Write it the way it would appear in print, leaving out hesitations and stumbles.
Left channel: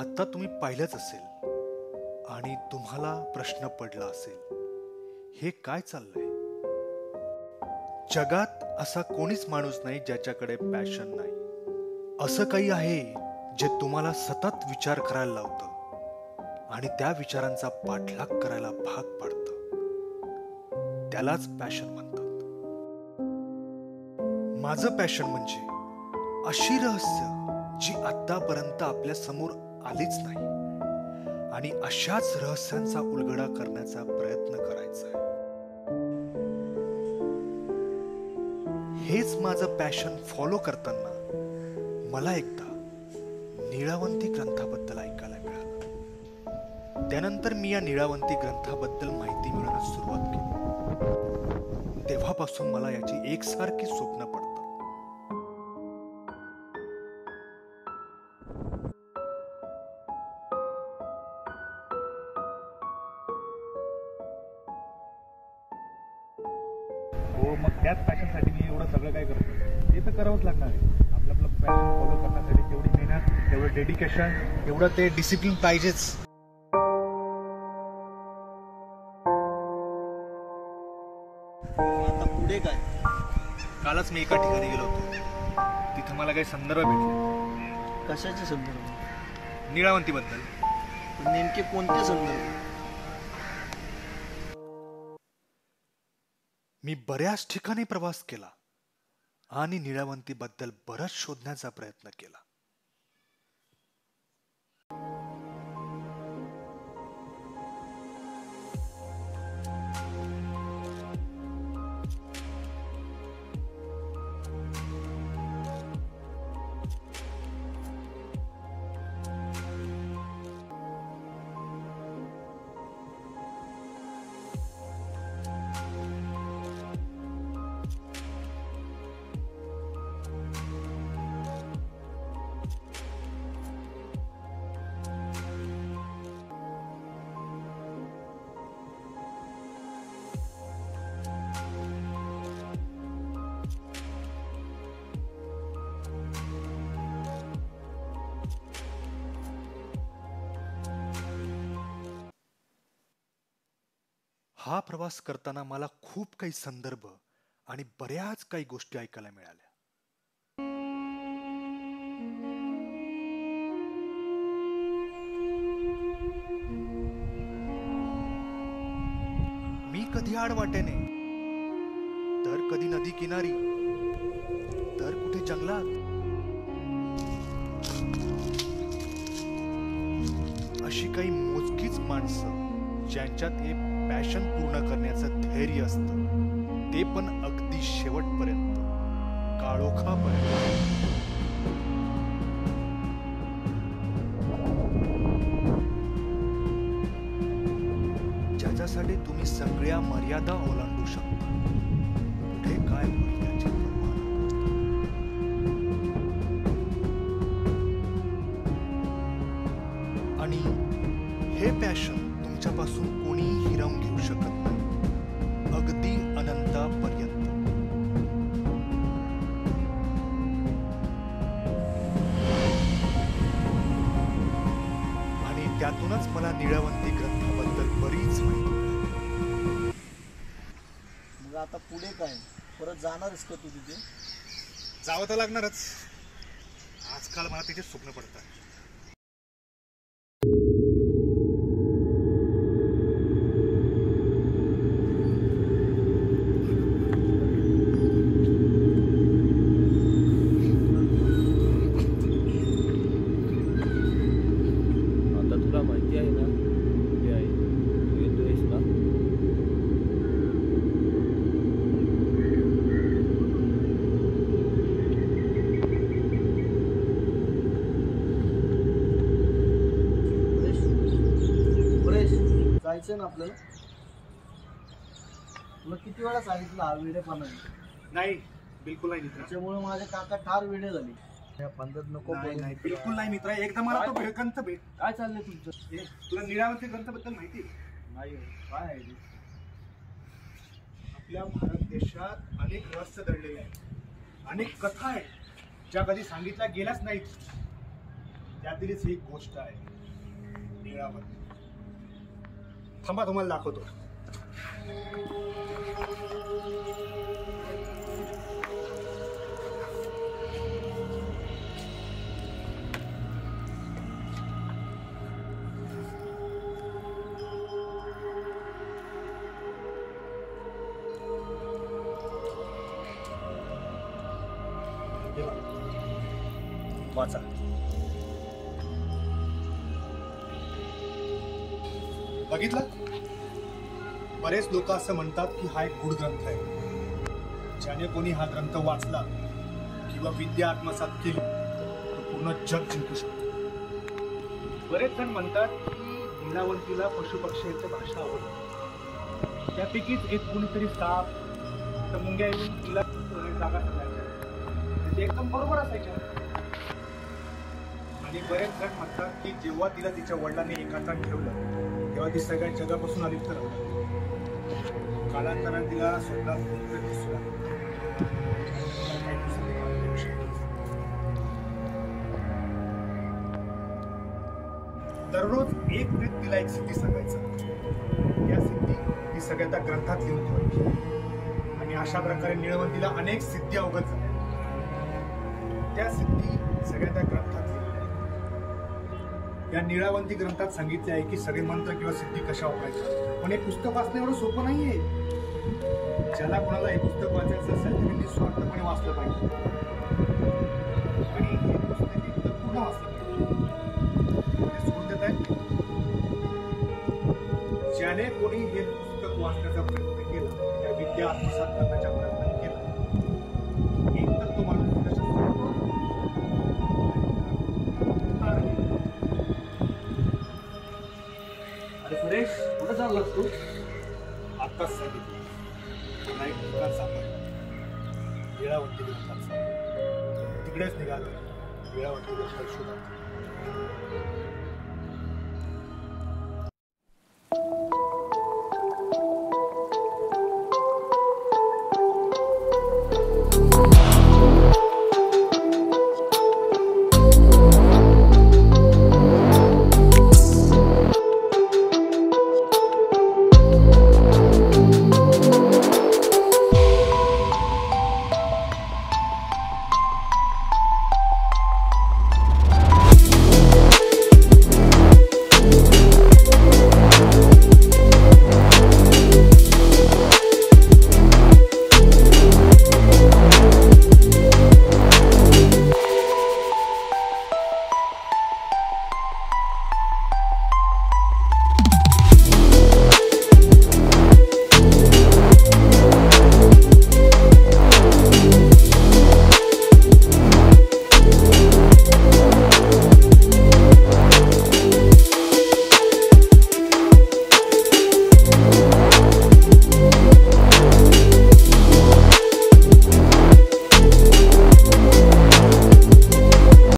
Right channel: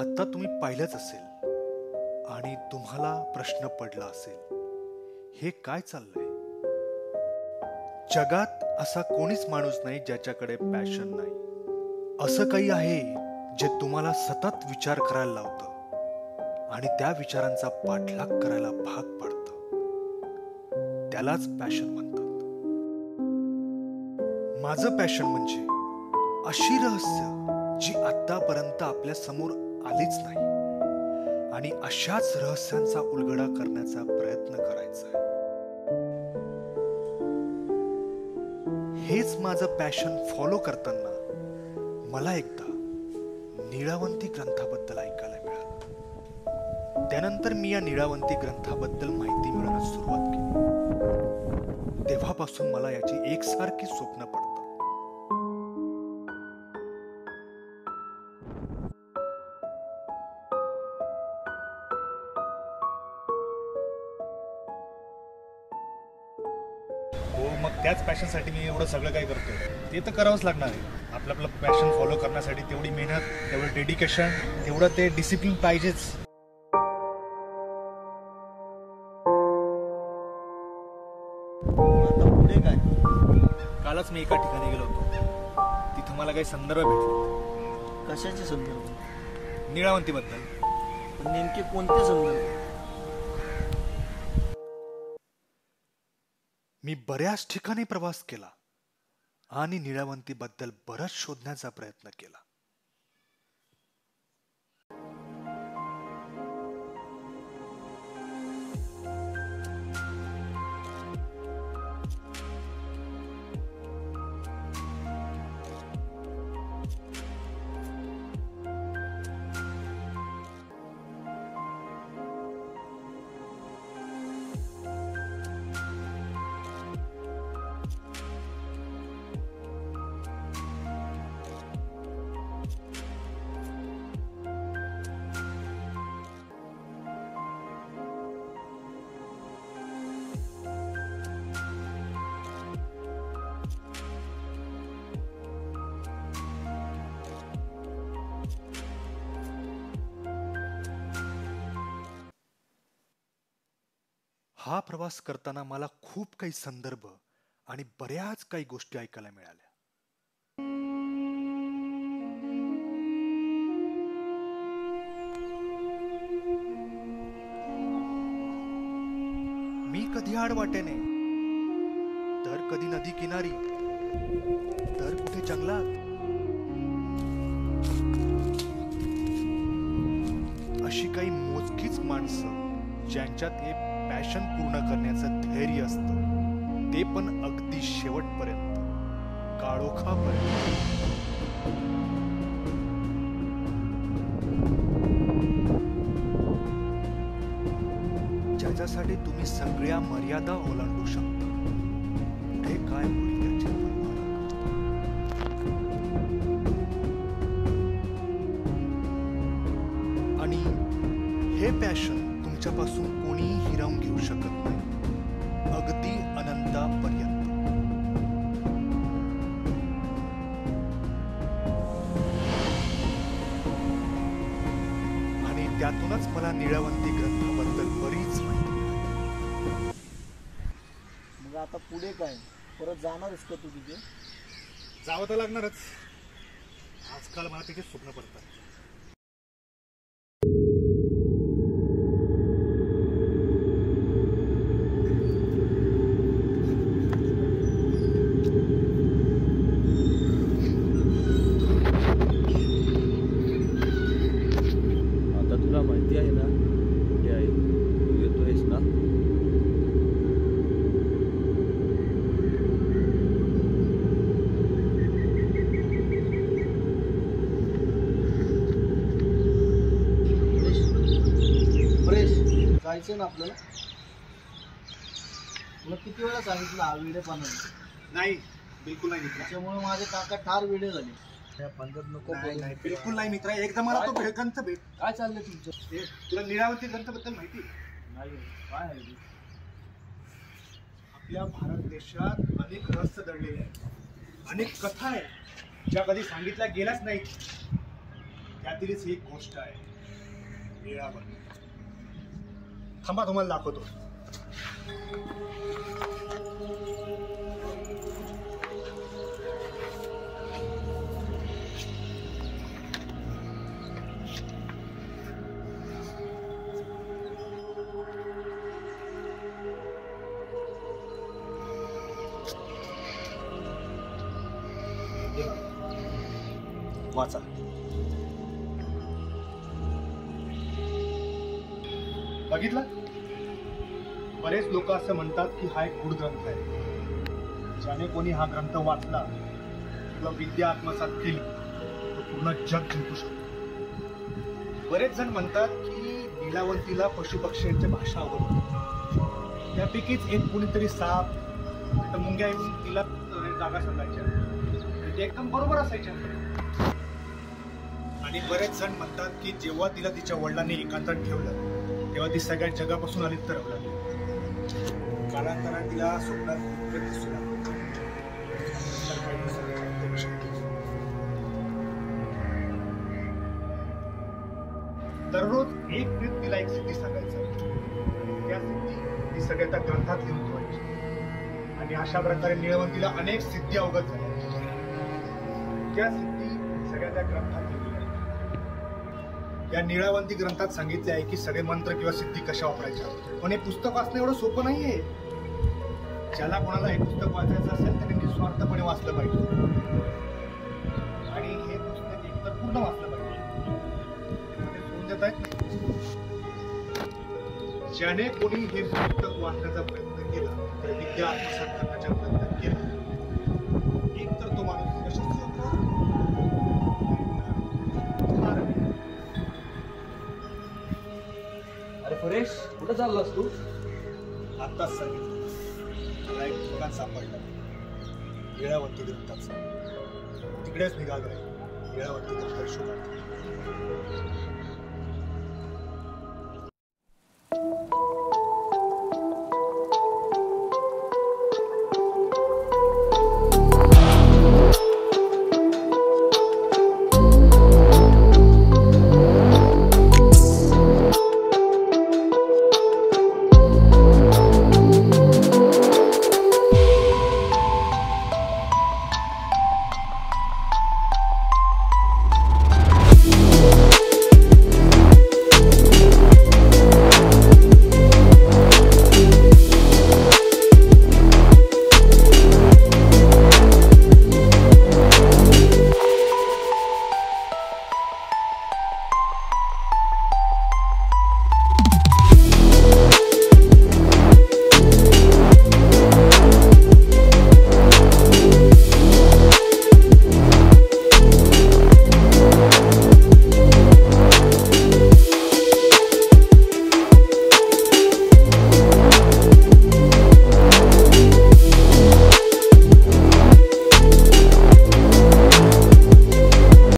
आता तुम्ही पाहिलंच असेल आणि तुम्हाला प्रश्न पडला असेल, हे काय चाललंय? जगात असा कोणीच माणूस नाही ज्याच्याकडे पॅशन नाही. असं काही आहे जे तुम्हाला सतत विचार करायला लावतं आणि त्या विचारांचा पाठलाग करायला भाग पाडतं. त्यालाच पॅशन म्हणतात. माझं पॅशन म्हणजे अशी रहस्य जी आतापर्यंत आपल्या समोर आलीच नाही आणि अशाच रहस्यांचा उलगडा करण्याचा प्रयत्न करायचा आहे. हेच माझं पॅशन फॉलो करताना मला एकदा नीळावंती ग्रंथाबद्दल ऐकायला मिळालं. त्यानंतर मी या नीळावंती ग्रंथाबद्दल माहिती मिळवण्यास सुरुवात केली. तेव्हापासून मला याची एकसारखी स्वप्न पडतात. हो, मग त्याच पॅशनसाठी मी एवढं सगळं काय करतोय. ते तर करावंच लागणार आहे. आपलं पॅशन फॉलो करण्यासाठी तेवढी मेहनत, तेवढं डेडिकेशन, तेवढं ते डिसिप्लिन पाहिजेच. आता पुढे काय? कालच मी एका ठिकाणी गेलो होतो. तिथं मला काही संदर्भ भेटले. कशाचे संदर्भ? नीळावंतीबद्दल. पण नेमके कोणते संदर्भ? मी बऱ्याच ठिकाणी प्रवास केला आणि नीळावंतीबद्दल बरंच शोधण्याचा प्रयत्न केला. हा प्रवास करताना मला खूप काही संदर्भ आणि बऱ्याच काही गोष्टी ऐकायला मिळाल्या. मी कधी आडवाटेने, तर कधी नदी किनारी, तर कुठे जंगलात. अशी काही मोजकीच माणसं ज्यांच्यात हे पॅशन पूर्ण करण्याचं धैर्य असतं, ते पण अगदी शेवटपर्यंत, काळोखापर्यंत. ज्याच्यासाठी तुम्ही सगळ्या मर्यादा ओलांडू शकता. पुढे काय होईल याची पर्वा न करता. आणि हे पॅशन तुमच्यापासून कोणीही हिरावून घेऊ शकत नाही, अगदी अनंतापर्यंत. आणि त्यातूनच मला नीळावंती ग्रंथाबद्दल बरीच माहिती मिळाली. मग आता पुढे काय? परत जाणारच का तू तिथे? जावं तर लागणारच. आजकाल मला तिथे स्वप्न पडतात. तुला माहिती आहे ना कुठे आहे? तू येतोयस ना? फ्रेश जायचं ना आपल्याला. तुला किती वेळा सांगितलं हा वेडेपणा नाही, बिलकुल नाही मित्रा. त्याच्यामुळे माझे काका ठार वेडे झाले. नको नाही, बिलकुल नाही मित्रा. एकदा मला तो ग्रंथ भेट. काय चाललंय तुमचं? तुला नीळावंती ग्रंथाबद्दल माहिती नाही? काय आहे ते? आपल्या भारत देशात अनेक रहस्य दडलेले आहेत, अनेक कथा आहेत ज्या कधी सांगितल्या गेल्याच नाहीत. त्यातीलच एक गोष्ट आहे निळावंती. थांबा, तुम्हाला दाखवतो. वाचा. बघितलं? बरेच लोक असं म्हणतात की हा एक गूढ ग्रंथ आहे. ज्याने कोणी हा ग्रंथ वाचला किंवा विद्या आत्मसात केली तो पूर्ण जग जिंकू शकतो. बरेच जण म्हणतात की लीलावंतीला पशुपक्ष्यांची भाषा आवडते. त्यापैकीच एक कुणीतरी साप तर मुंग्या येऊन तिला जागा सांगायच्या आणि ते एकदम बरोबर असायच्या. आणि बरेच जण म्हणतात की जेव्हा तिला तिच्या वडिलांनी एकांतात ठेवलं तेव्हा ती सगळ्या जगापासून अलिप्त राहू लागली. कालांतराने तिला स्वप्नात भूतप्रेत दिसू लागले. दररोज एक प्रेत तिला एक सिद्धी सांगायचं. त्या सिद्धी ती सगळ्या त्या ग्रंथात लिहून ठेवायची आणि अशा प्रकारे निळवंतीला अनेक सिद्धी अवगत झाल्या. त्या सिद्धी सगळ्या त्या ग्रंथात लिहिल्या. या निळावंती ग्रंथात सांगितले आहे की सगळे मंत्र किंवा सिद्धी कशा वापरायच्या. पण हे पुस्तक वाचणं एवढं सोपं नाहीये. ज्याला कोणाला हे पुस्तक वाचायचं असेल त्याने निस्वार्थपणे वाचलं पाहिजे आणि हे पुस्तक एकतर पूर्ण वाचलं पाहिजे. सोडून देत आहेत. ज्याने कोणी हे पुस्तक वाचण्याचा प्रयत्न केला त्या विद्या आत्मसात करण्याचा प्रयत्न केला एकतर तो माणूस यशस्वी होतो. अरे सुरेश, कुठं चाललास तू? आत्ताच सांगितलं मला एक ठिकाण सापडलं लीळावंती ग्रंथाचं. तिकडेच निघालोय लीळावंती ग्रंथात शोधात.